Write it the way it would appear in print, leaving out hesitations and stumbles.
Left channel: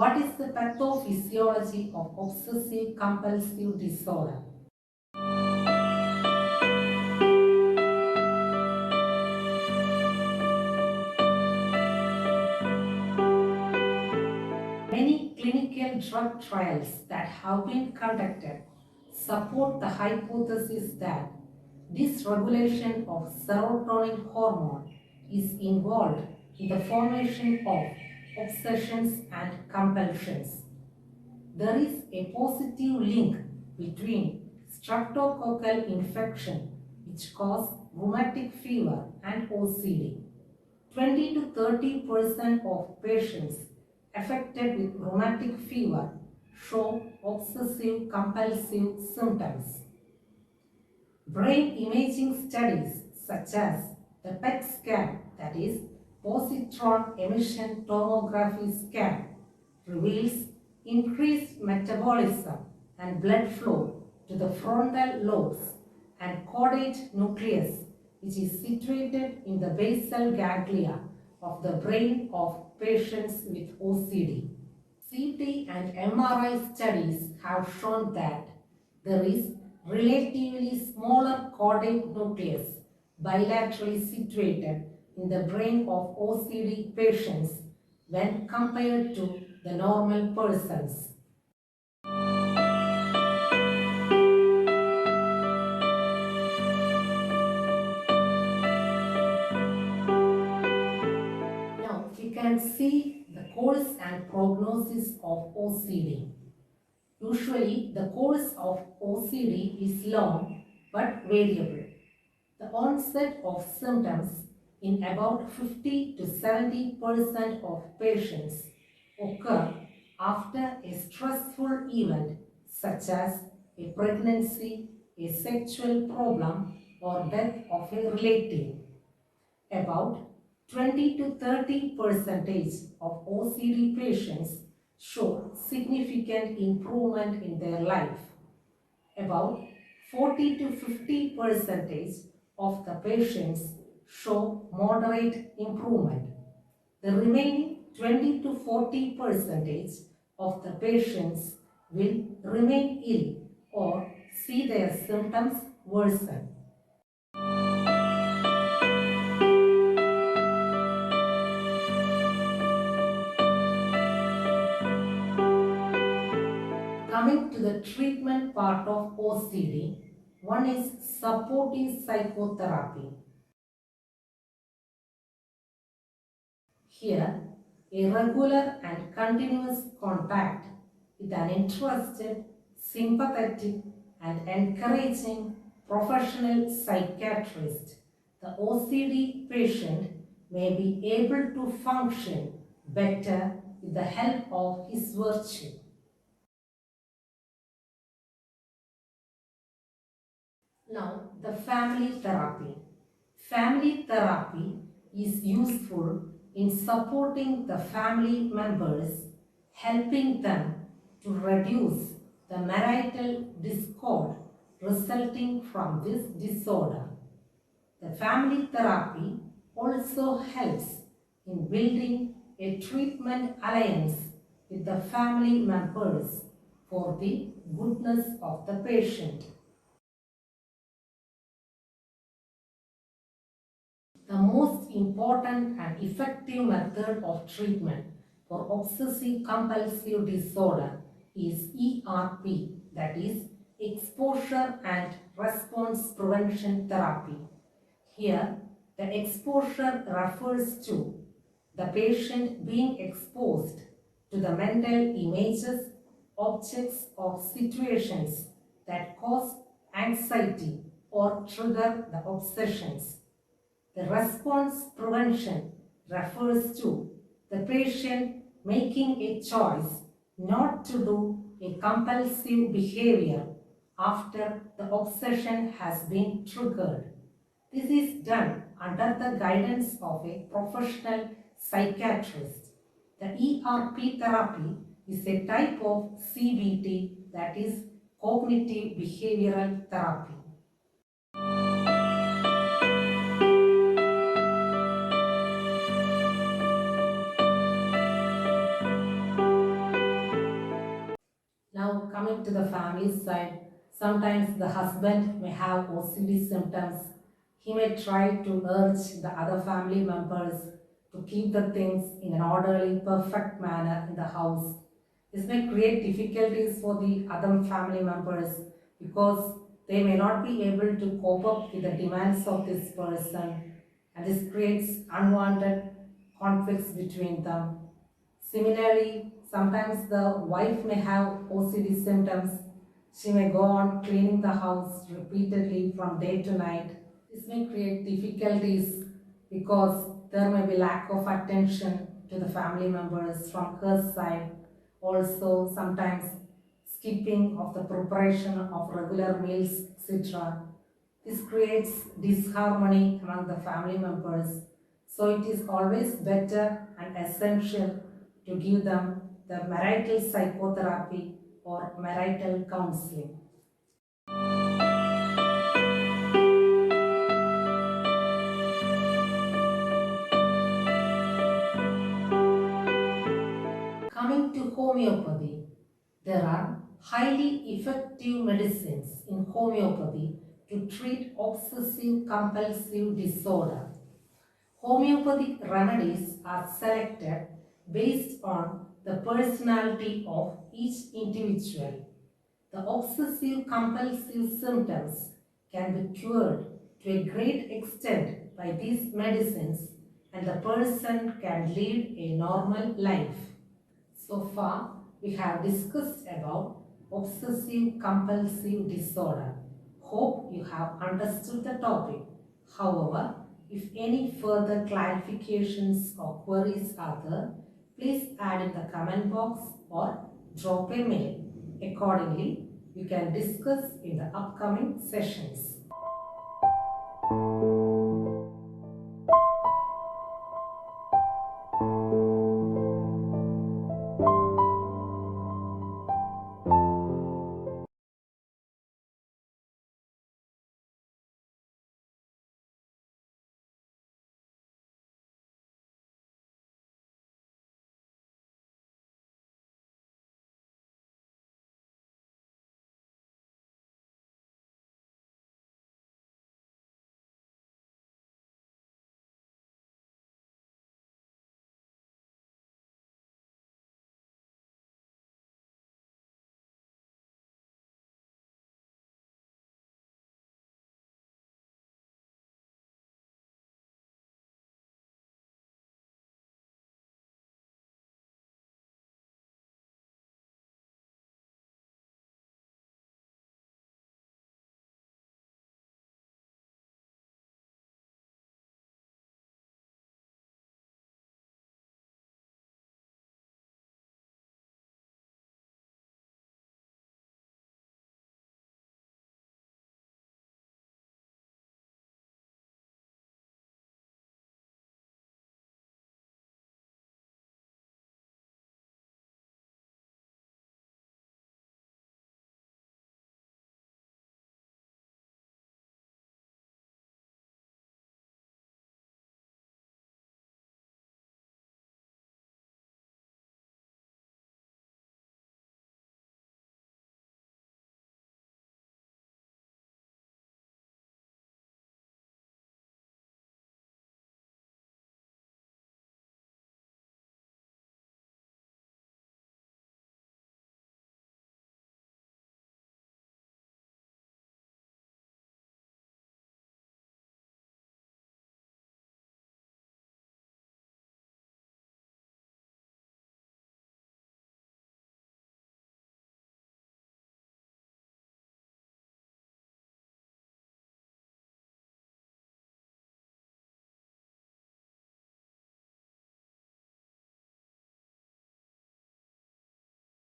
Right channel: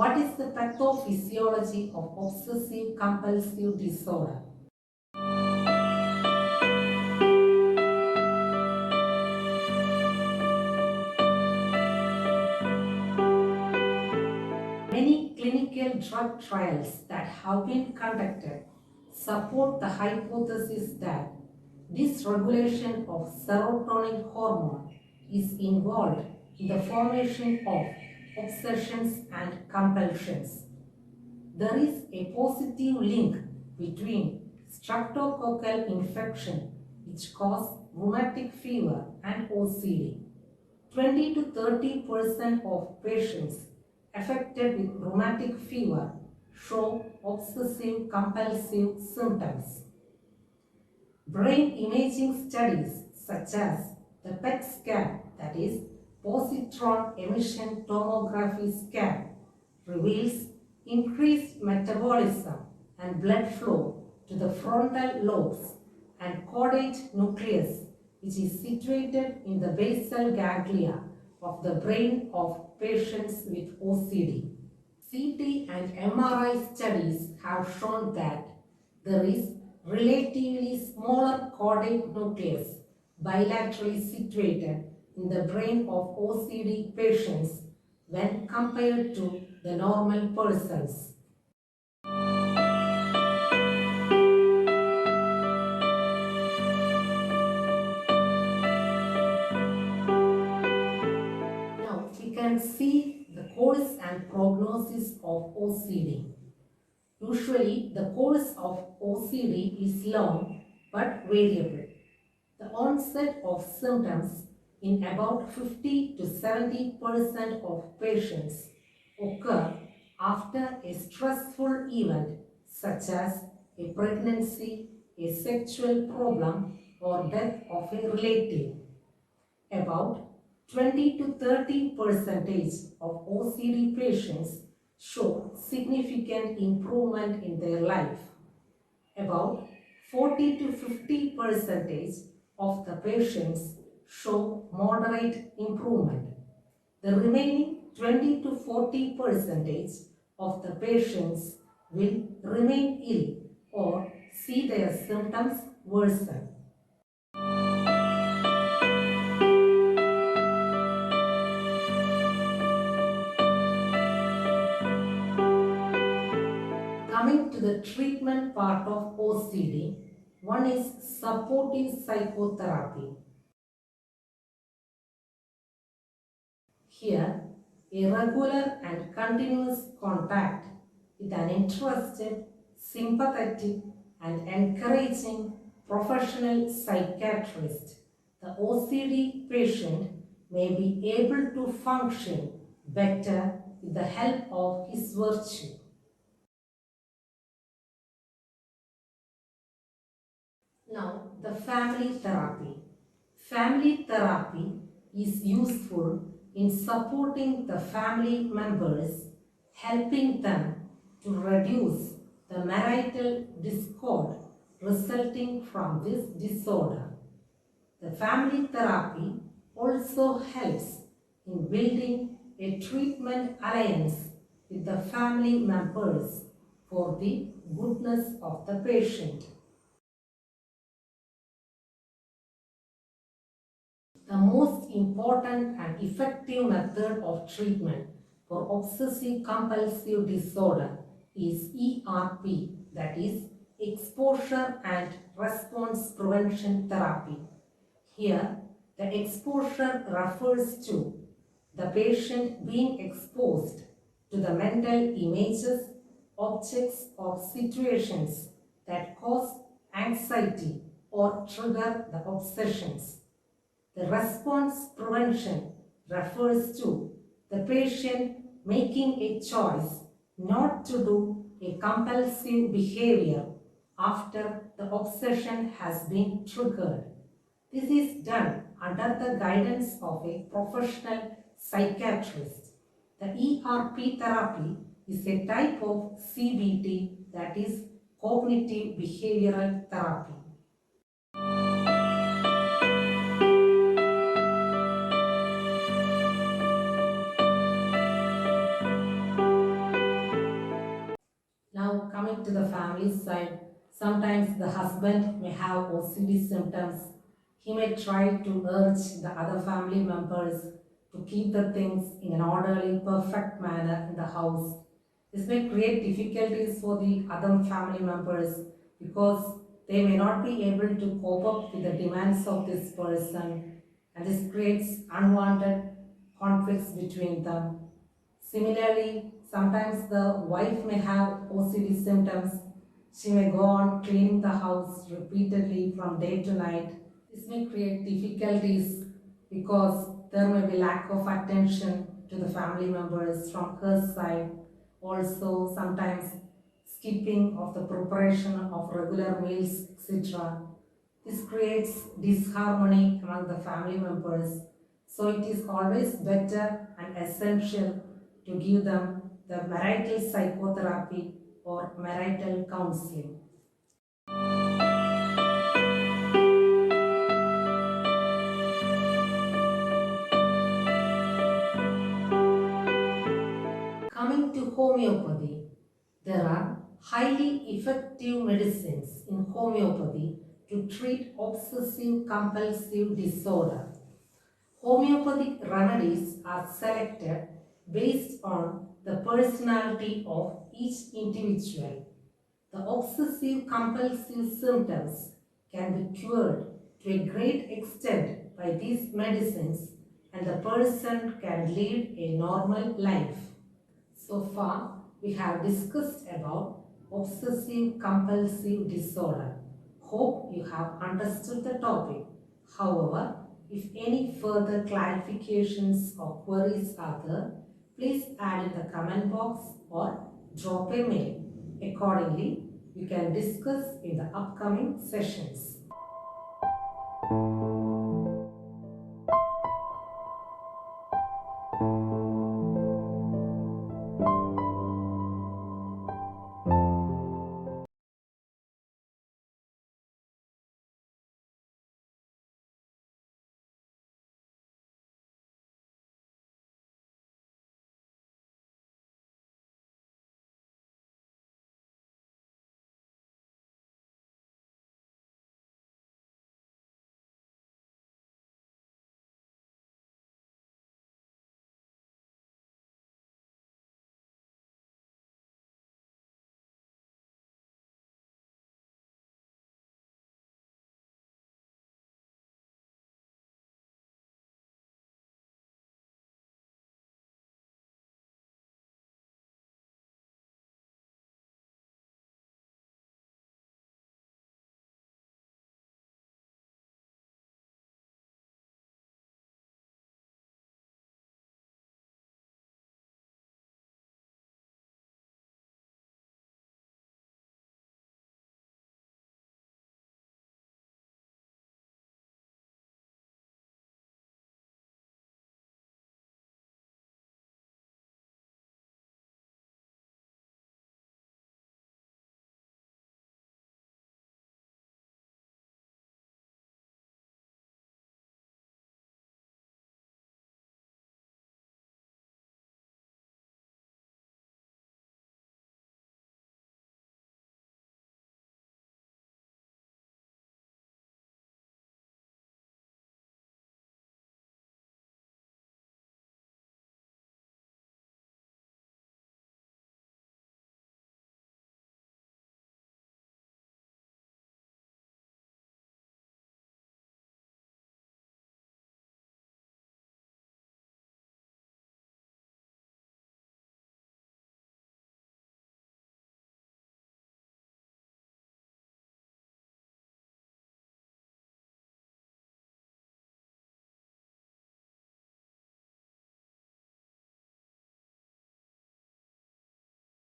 What is the pathophysiology of obsessive compulsive disorder? Many clinical drug trials that have been conducted support the hypothesis that dysregulation of serotonin hormone is involved in the formation of obsessions and compulsions. There is a positive link between streptococcal infection, which cause rheumatic fever, and OCD. 20 to 30% of patients affected with rheumatic fever show obsessive compulsive symptoms. Brain imaging studies such as the PET scan, that is positron emission tomography scan, reveals increased metabolism and blood flow to the frontal lobes and caudate nucleus, which is situated in the basal ganglia of the brain of patients with OCD. CT and MRI studies have shown that there is relatively smaller caudate nucleus bilaterally situated in the brain of OCD patients when compared to the normal persons. Now we can see the course and prognosis of OCD. Usually the course of OCD is long but variable. The onset of symptoms in about 50 to 70% of patients occur after a stressful event such as a pregnancy, a sexual problem, or death of a relative. About 20 to 30% of OCD patients show significant improvement in their life. About 40 to 50% of the patients show moderate improvement. The remaining 20 to 40% of the patients will remain ill or see their symptoms worsen. Coming to the treatment part of OCD, one is supportive psychotherapy. Here, a regular and continuous contact with an interested, sympathetic, and encouraging professional psychiatrist, the OCD patient may be able to function better with the help of his virtue. Now, the family therapy. Family therapy is useful in supporting the family members, helping them to reduce the marital discord resulting from this disorder. The family therapy also helps in building a treatment alliance with the family members for the goodness of the patient. The most important and effective method of treatment for obsessive compulsive disorder is ERP, that is exposure and response prevention therapy. Here, the exposure refers to the patient being exposed to the mental images, objects, or situations that cause anxiety or trigger the obsessions. The response prevention refers to the patient making a choice not to do a compulsive behavior after the obsession has been triggered. This is done under the guidance of a professional psychiatrist. The ERP therapy is a type of CBT, that is cognitive behavioral therapy. Coming to the family side, sometimes the husband may have OCD symptoms. He may try to urge the other family members to keep the things in an orderly, perfect manner in the house. This may create difficulties for the other family members because they may not be able to cope up with the demands of this person, and this creates unwanted conflicts between them. Similarly, sometimes the wife may have OCD symptoms. She may go on cleaning the house repeatedly from day to night. This may create difficulties because there may be lack of attention to the family members from her side. Also, sometimes skipping of the preparation of regular meals, etc. This creates disharmony among the family members. So it is always better and essential to give them the marital psychotherapy or marital counseling. Coming to homeopathy, there are highly effective medicines in homeopathy to treat obsessive compulsive disorder. Homeopathic remedies are selected based on the personality of each individual. The obsessive compulsive symptoms can be cured to a great extent by these medicines, and the person can lead a normal life. So far, we have discussed about obsessive compulsive disorder. Hope you have understood the topic. However, if any further clarifications or queries are there, please add in the comment box or drop a mail. Accordingly, we can discuss in the upcoming sessions.